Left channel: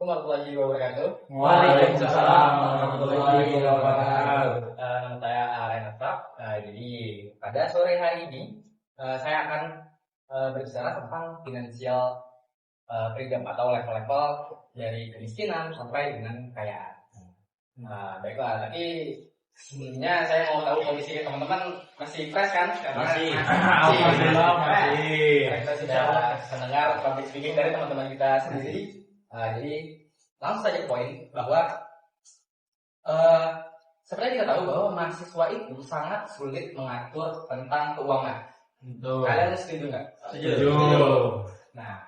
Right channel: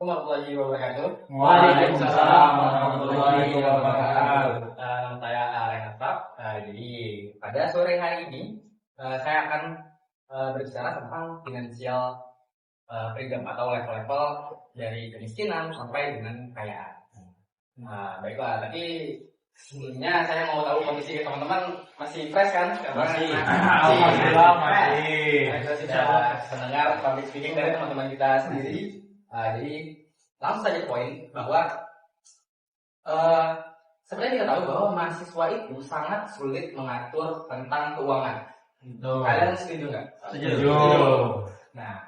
Warahmatullahi wabarakatuh. Waalaikumsalam warahmatullahi wabarakatuh. Saya Renata. Jadi pada sore hari ini saya akan berbicara tentang finansial freedom atau level-level dari kemiskinan sampai dengan kekayaan. Baiklah, tapi sebelumnya saya mau tahu kondisi teman-teman masih fresh kan? Masih. Alhamdulillah masih. Kita sudah mendengar public speaking dari teman-teman kita sendiri. Jadi langsung saja poin bahwa sebenarnya kita tahu bahwa mahasiswa itu sangat sulit mengatur tentang keuangan. Kalian setuju nggak? Setuju. Nah,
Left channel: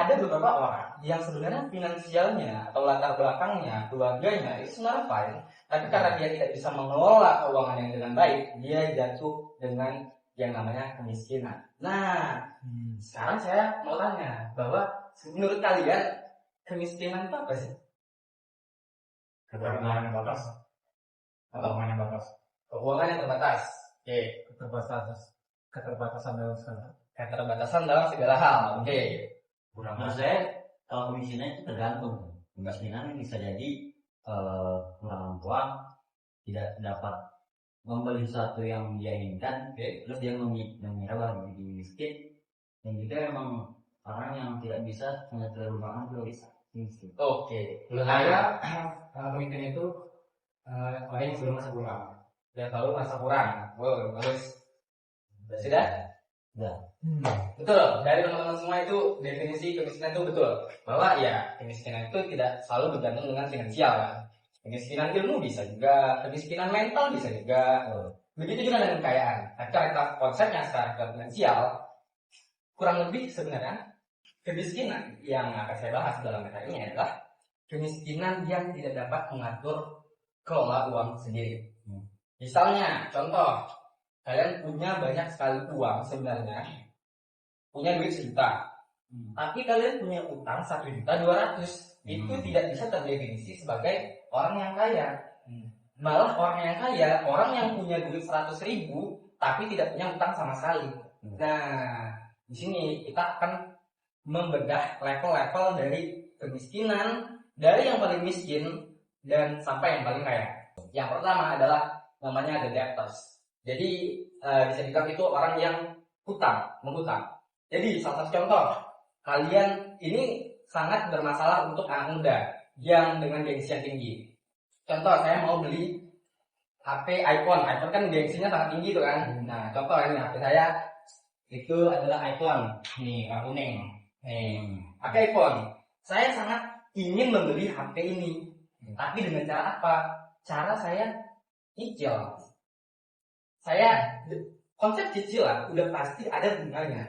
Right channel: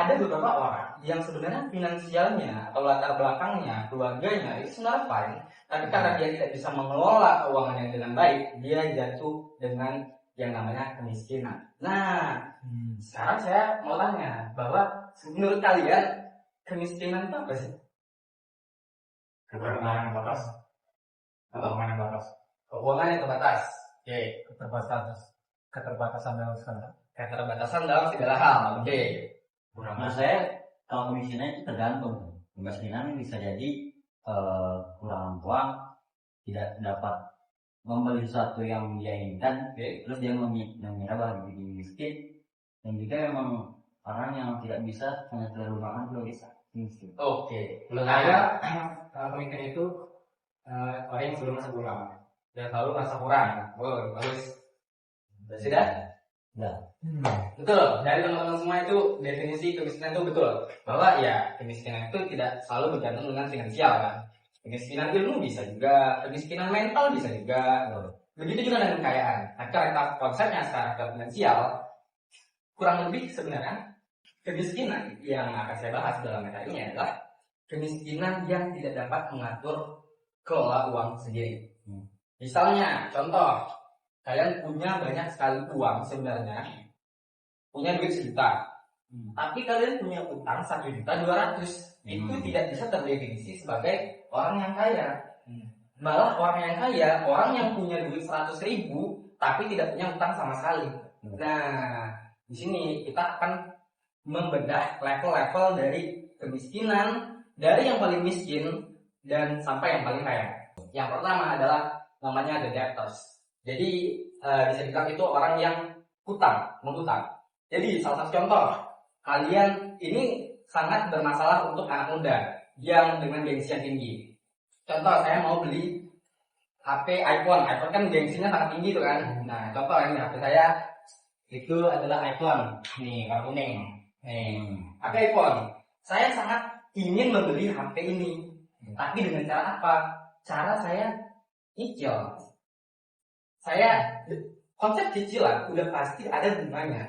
ada beberapa orang yang sebenarnya finansialnya atau latar belakangnya, keluarganya itu sebenarnya fine, tapi karena dia tidak bisa mengelola keuangannya dengan baik, dia jatuh dengan yang namanya kemiskinan. Nah, sekarang saya mau tanya bahwa menurut kalian kemiskinan itu apa sih? Keuangan yang batas. Keuangan yang batas. Keuangan yang terbatas. Oke. Keterbatasan dalam segala. Keterbatasan dalam segala hal. Oke. Menurut saya kalau kemiskinan itu tergantung. Kemiskinan bisa jadi kurang uang, tidak dapat membeli sesuatu yang dia inginkan, terus dia mengira bahwa dia miskin, dan juga memang orang yang tidak bisa mengatur keuangan juga bisa miskin. Oke. Menurut saya kemiskinan itu orang yang belum merasa kurang dan selalu merasa kurang. Bagus. Sudah? Ya. Betul. Dari teman-teman semua itu definisi kemiskinan itu betul. Bahwa ya kemiskinan itu tidak selalu bergantung dengan finansial kan. Kemiskinan ilmu bisa juga, kemiskinan mental bisa juga. Begitu juga dengan kekayaan. Nah, cara konsepnya secara finansial kurang lebih sebenarnya kemiskinan yang akan saya bahas dalam materi ini adalah kemiskinan yang tidak dapat mengatur kelola uang sendiri. Misalnya, contoh, kalian punya banyak sekali uang sebenarnya, punya duit 1 juta, tapi kalian punya utang 1.200.000, itu tidak bisa terdefinisi sebagai orang yang kaya. Malah orang yang kaya, orang yang punya duit 100.000 tapi tidak punya utang sama sekali. Nah, di sini kita akan membedah level-level dari kemiskinan dari yang paling miskin dan sampai yang paling kaya. Yang pertama adalah namanya the debtors. Jadi bisa dibilang itu orang yang menghutang. Jadi salah satu contoh, kalian ini sangat bermasalah untuk anak muda yang dengan gengsi yang tinggi. Contoh, saya mau beli HP iPhone kan gengsinya sangat tinggi tuh kan. Nah, contoh ini HP saya itu adalah iPhone, nih warna kuning. HP iPhone. Saya sangat ingin membeli HP ini, tapi dengan cara apa? Cara saya cicil. Konsep cicilan udah pasti ada bunganya.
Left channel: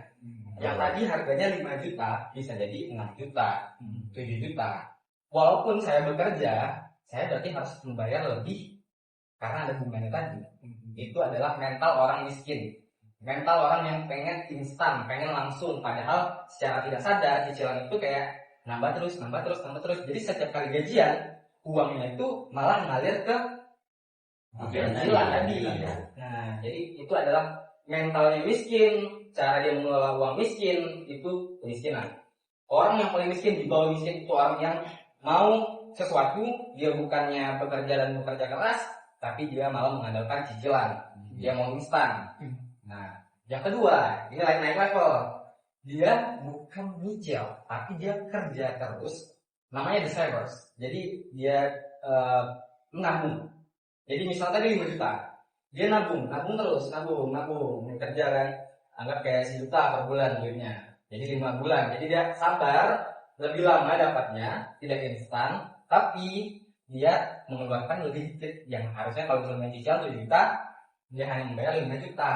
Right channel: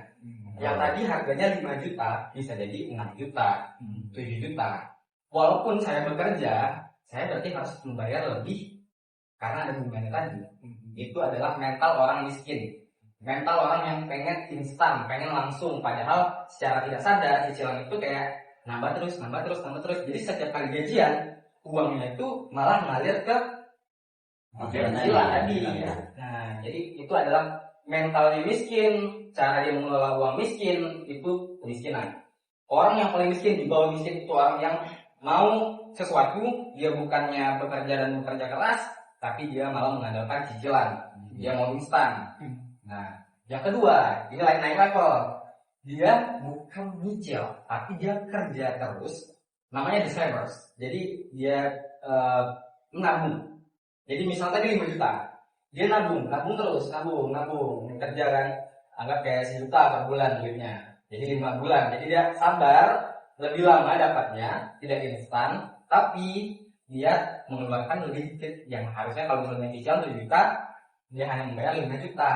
Yang tadi harganya 5 juta bisa jadi 6 juta, 7 juta. Walaupun saya bekerja, saya berarti harus membayar lebih karena ada bunganya tadi. Itu adalah mental orang miskin. Mental orang yang pengen instan, pengen langsung. Padahal secara tidak sadar cicilan itu kayak nambah terus. Jadi setiap kali gajian, uangnya itu malah mengalir ke cicilan tadi. Nah, jadi itu adalah mentalnya miskin, cara dia mengelola uang miskin, itu kemiskinan. Orang yang paling miskin di bawah miskin itu orang yang mau sesuatu, dia bukannya bekerja dan bekerja keras, tapi dia malah mengandalkan cicilan. Dia mau instan. Nah, yang kedua, ini naik level. Dia bukan nyicil, tapi dia kerja terus. Namanya the savers. Jadi dia menabung. Jadi misalnya tadi 5 juta, dia nabung terus, nabung, kerja kan, anggap kayak 1 juta per bulan duitnya. Jadi 5 bulan, jadi dia sabar, lebih lama dapatnya, tidak instan, tapi dia mengeluarkan lebih sedikit. Yang harusnya kalau misalnya cicilan 7 juta, dia hanya membayar 5 juta.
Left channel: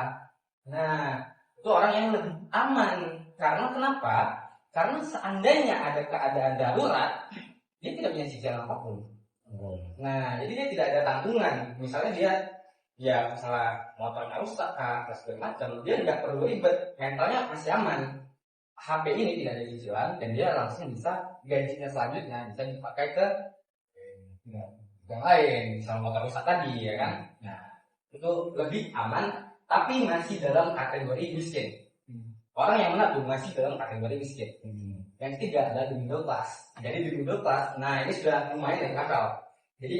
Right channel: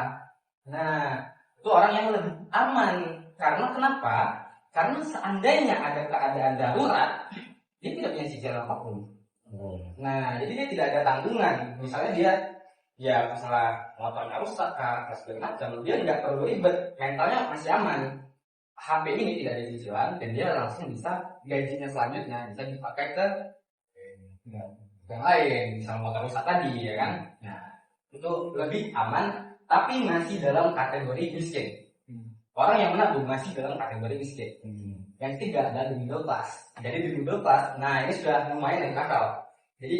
Nah, itu orang yang lebih aman. Karena kenapa? Karena seandainya ada keadaan darurat, dia tidak punya cicilan apapun. Nah, jadi dia tidak ada tanggungan. Misalnya dia masalah motornya rusak, segala macam, dia nggak perlu ribet, mentalnya masih aman. HP ini tidak ada cicilan dan dia langsung bisa gajinya selanjutnya bisa dipakai ke yang lain, misalnya motor rusak tadi, ya kan? Nah, itu lebih aman, tapi masih dalam kategori miskin. Orang yang menabung masih dalam kategori miskin. Yang ketiga adalah the middle class. Jadi the middle class, nah ini sudah lumayan dari akal. Jadi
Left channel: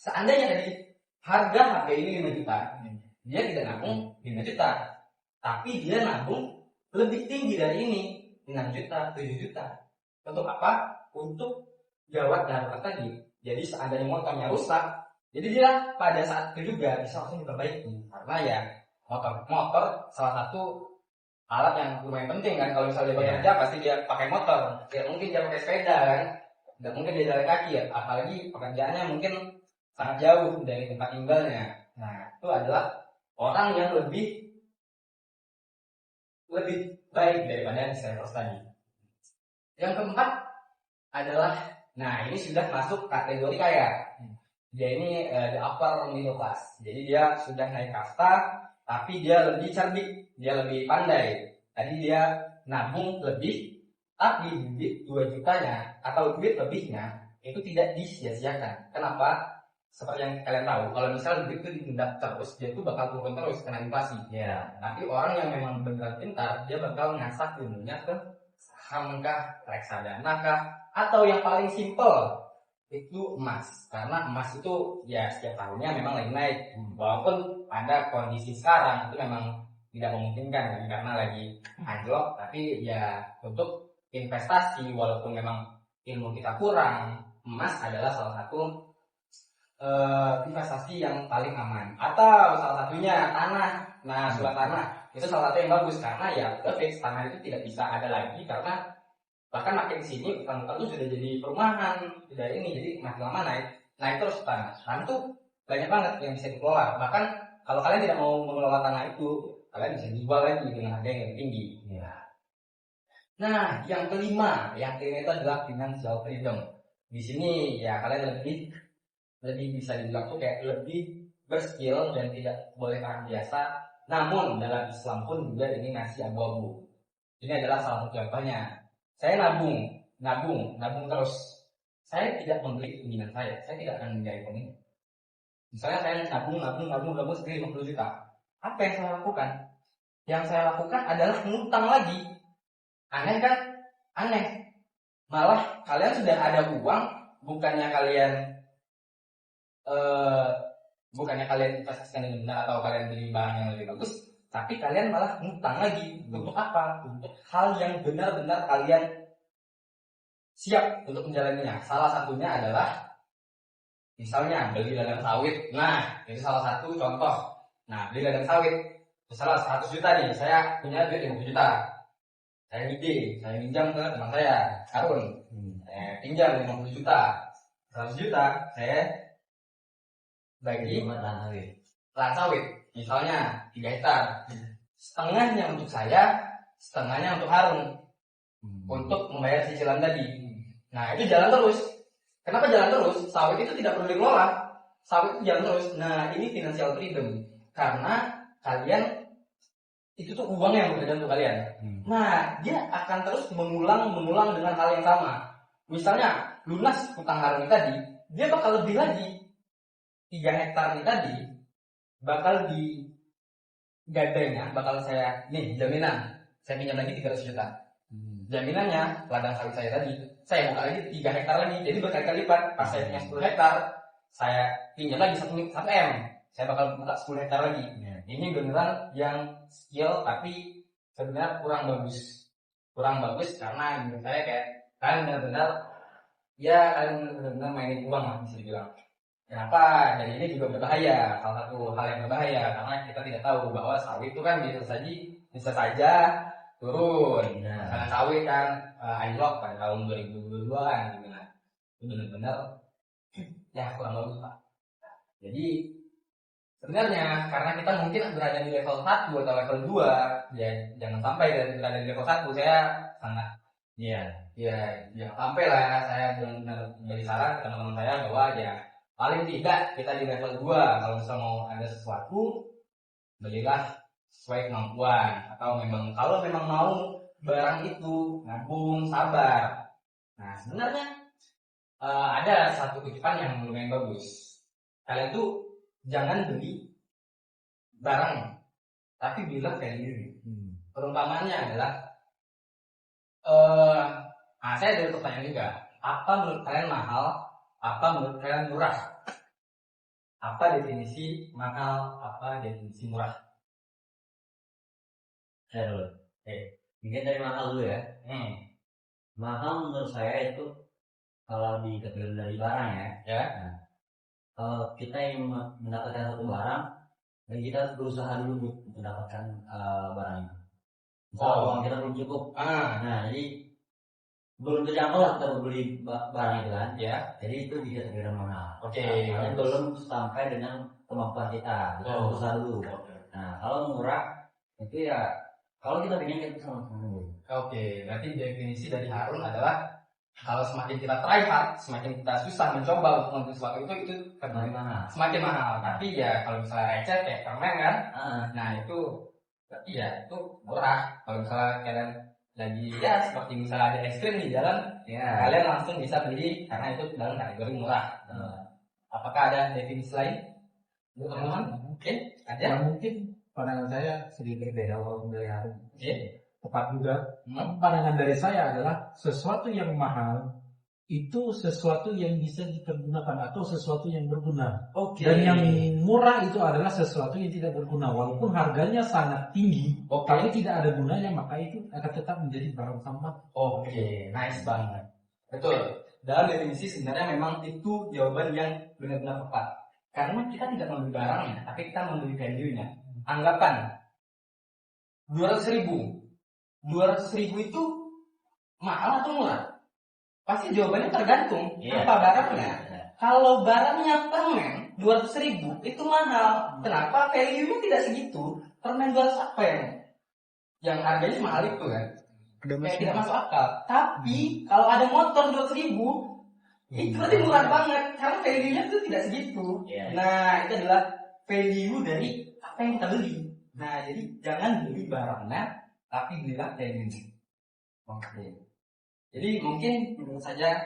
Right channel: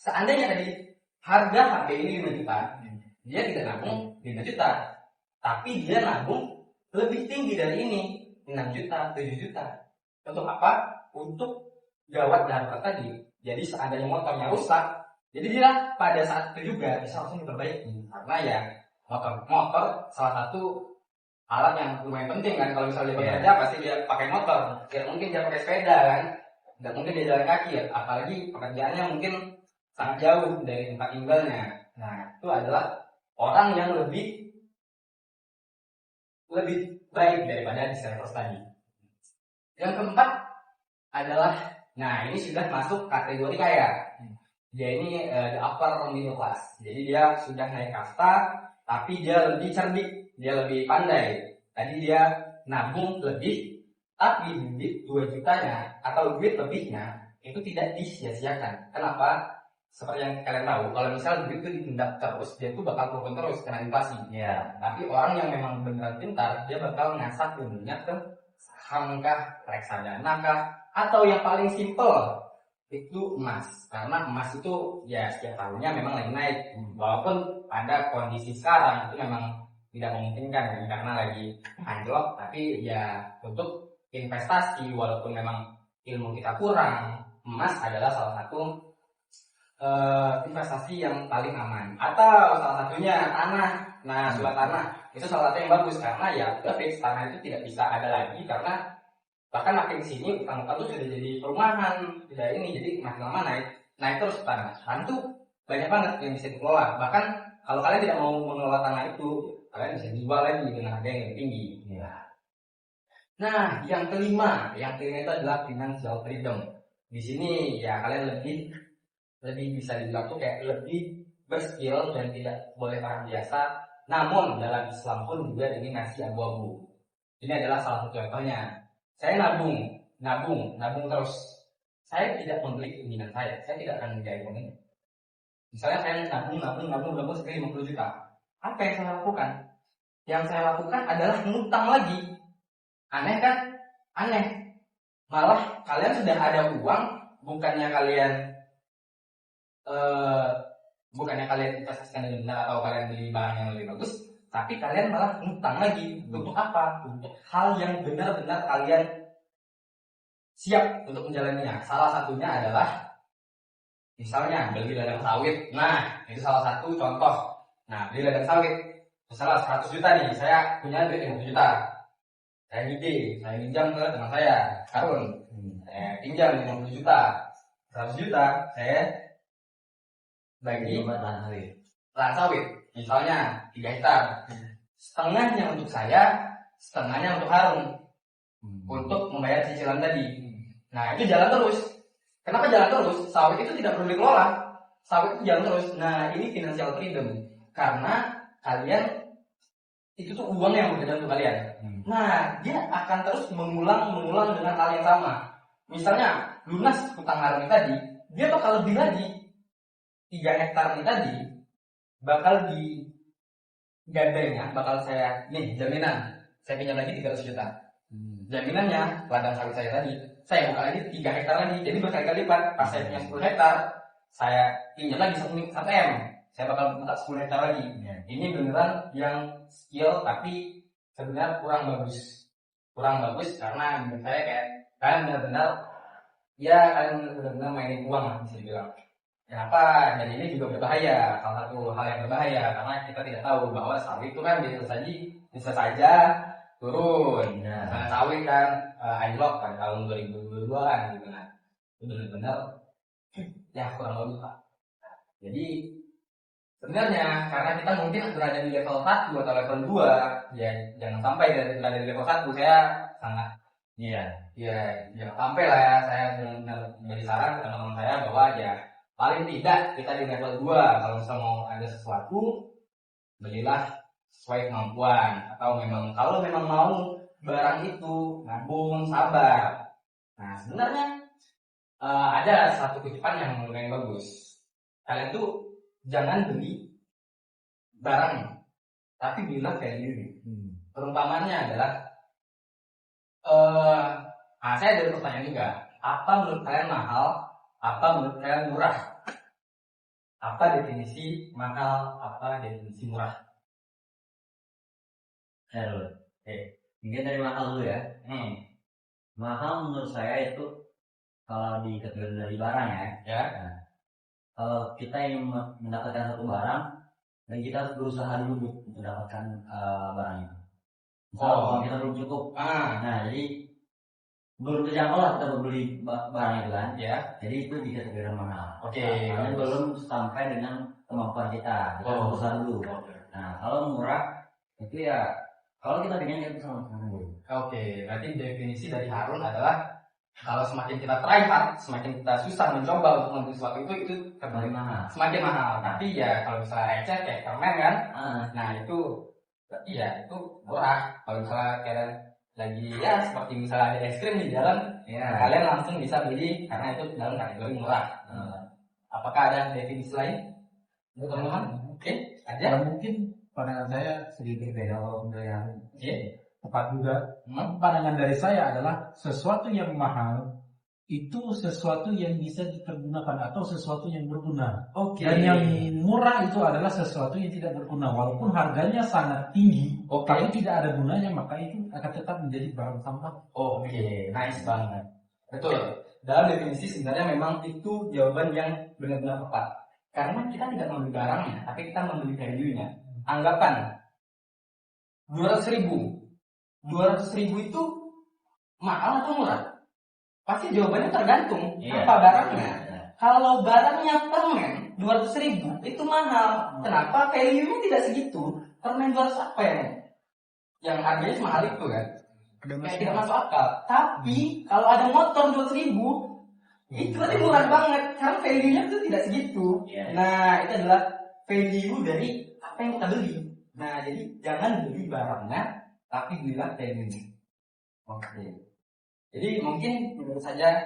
seandainya tadi harga HP ini 5 juta, dia tidak nabung 5 juta, tapi dia nabung lebih tinggi dari ini, 6 juta, 7 juta. Untuk apa? Untuk gawat darurat tadi. Jadi seandainya motornya rusak, jadi dia pada saat itu juga bisa langsung diperbaiki. Karena ya motor salah satu alat yang lumayan penting kan. Kalau misalnya dia bekerja pasti dia pakai motor. Ya mungkin dia pakai sepeda kan, nggak mungkin dia jalan kaki ya. Apalagi pekerjaannya mungkin sangat jauh dari tempat tinggalnya. Nah itu adalah orang yang lebih baik daripada distributors tadi. Yang keempat adalah, nah ini sudah masuk kategori kaya. Dia ini the upper middle class. Jadi dia sudah naik kasta, tapi dia lebih cerdik, dia lebih pandai. Tadi dia nabung lebih, tapi duit 2 jutanya atau duit lebihnya itu tidak disia-siakan. Kenapa? Seperti yang kalian tahu, kalau misalnya duit itu ditunda terus, dia itu bakal turun terus kena inflasi. Ya. Tapi orang yang memang benar pintar, dia bakal ngasah ilmunya ke saham kah, reksadana kah, atau yang paling simple itu emas. Karena emas itu ya setiap tahunnya memang lagi naik. Walaupun ada kondisi sekarang itu memang tidak memungkinkan kan, karena lagi anjlok. Tapi ya untuk investasi, walaupun memang ilmu kita kurang, emas adalah salah satu investasi yang paling aman. Atau salah satunya tanah. Nah, surat tanah itu salah satu yang bagus karena ya fix tanah itu tidak bisa ada lagi, karena bahkan makin sini utang-utang itu sudah jadi perumahan, sudah ini, jadi makin lama naik terus tanah. Tanah itu banyak banget yang bisa dikelola. Bahkan kalau kalian tidak mau mengelola tanah itu, kalian bisa jual lagi dengan harga yang tinggi. Ya. Nah, yang kelima itu adalah financial freedom. Di sini ya kalian lebih bisa dibilang tuh kayak lebih berskill dan tidak boleh orang biasa. Namun dalam Islam pun juga ini ngasih abu-abu. Ini adalah salah satu contohnya. Saya nabung terus. Saya tidak membeli keinginan saya tidak akan menjadi pemilik. Misalnya saya nabung sampai 50 juta. Apa yang saya lakukan? Yang saya lakukan adalah ngutang lagi. Aneh kan? Aneh. Malah kalian sudah ada uang, bukannya kalian investasikan dengan benar atau kalian beli barang yang lebih bagus, tapi kalian malah ngutang lagi. Untuk apa? Untuk hal yang benar-benar kalian siap untuk menjalaninya. Salah satunya adalah misalnya beli ladang sawit. Nah, itu salah satu contoh. Nah, beli ladang sawit, misalnya 100 juta nih, saya punya duit 50 juta. Saya minjam ke teman saya, Harun. Saya pinjam 50 juta. 100 juta, saya bagi lahan sawit. Misalnya 3 hektar. Setengahnya untuk saya, setengahnya untuk Harun. Untuk membayar cicilan tadi. Nah, itu jalan terus. Kenapa jalan terus? Sawit itu tidak perlu dikelola. Sawit itu jalan terus. Nah, ini financial freedom. Karena kalian itu tuh uang yang berbeda untuk kalian. Nah, dia akan terus mengulang dengan hal yang sama. Misalnya lunas utang Harun tadi, dia bakal lebih lagi. 3 hektar ini tadi bakal digadainya, bakal saya jaminan saya pinjam lagi 300 juta. Jaminannya ladang sawit saya tadi, saya buka lagi 3 hektar lagi, jadi berkali-kali lipat. Pas saya punya 10 hektar, saya pinjam lagi 1 M, saya bakal buka 10 hektar lagi. Ini beneran yang skill, tapi sebenarnya kurang bagus karena menurut saya kayak kalian benar-benar mainin uang lah bisa dibilang. Kenapa? Dan ini juga berbahaya, salah satu hal yang berbahaya karena kita tidak tahu bahwa sawit itu kan bisa saja turun. Nah, sawit kan anjlok kan tahun 2022 gitu kan. Itu benar-benar ya kurang bagus Pak. Jadi sebenarnya karena kita mungkin berada di level 1 atau level 2, ya jangan sampai berada di level 1. Saya sangat jangan sampai lah ya. Saya benar-benar beri saran ke teman-teman saya bahwa ya paling tidak kita di level 2. Kalau misalnya mau ada sesuatu, belilah sesuai kemampuan. Atau kalau memang mau barang itu, nabung, sabar. Nah sebenarnya ada satu titipan yang lumayan bagus. Kalian tuh jangan beli barang, tapi belilah value. Perumpamannya adalah Nah, saya ada pertanyaan juga. Apa menurut kalian mahal? Apa menurut kalian murah? Apa definisi mahal? Apa definisi murah? Saya dulu. Mungkin dari mahal dulu ya. Mahal menurut saya itu kalau dikategori dari barang ya. Nah, kalau kita yang mendapatkan satu barang, dan kita harus berusaha dulu untuk mendapatkan barang itu. Misalnya uang kita belum cukup. Nah, jadi belum terjangkau lah kita beli barang itu kan. Jadi itu dikategorikan mahal. Karena belum sampai dengan kemampuan kita. Kita berusaha dulu. Nah, kalau murah itu ya kalau kita pengen kita bisa lakukan dulu. Berarti definisi dari Harun adalah kalau semakin kita try hard, semakin kita susah mencoba untuk membeli sesuatu itu Semakin mahal. semakin mahal. Tapi ya kalau misalnya receh kayak permen kan, nah itu berarti ya itu murah. Kalau misalnya kalian lagi ya seperti misalnya ada es krim di jalan, kalian langsung bisa beli karena itu dalam kategori murah. Apakah ada definisi lain? Teman-teman? Mungkin ada. Kalau mungkin pandangan saya sedikit berbeda walaupun dari Harun. Tepat juga. Pandangan dari saya adalah sesuatu yang mahal itu sesuatu yang bisa dipergunakan atau sesuatu yang berguna. Dan yang murah itu adalah sesuatu yang tidak berguna. Walaupun harganya sangat tinggi, tapi tidak ada gunanya, maka itu akan tetap menjadi barang sampah. Nice banget. Betul. Dalam definisi sebenarnya memang itu jawaban yang benar-benar tepat. Karena kita tidak membeli barangnya, tapi kita membeli value-nya. Anggapan 200.000 itu mahal atau murah? Pasti jawabannya tergantung apa barangnya. Kalau barangnya permen 200.000 itu mahal. Kenapa? Value-nya tidak segitu. Permen 200 apa yang harganya mahal itu kan? Kayak tidak masuk akal. Tapi kalau ada motor 200.000 itu berarti murah banget karena value-nya itu tidak segitu. Nah, itu adalah value dari apa yang kita beli. Nah, jadi jangan beli barangnya, tapi belilah value-nya. Jadi mungkin menurut saya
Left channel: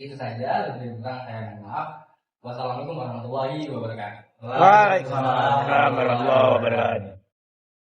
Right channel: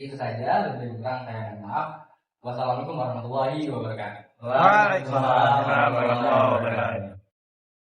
itu saja. Lebih kurang saya maaf. Wassalamualaikum warahmatullahi wabarakatuh. Waalaikumsalam warahmatullahi wabarakatuh.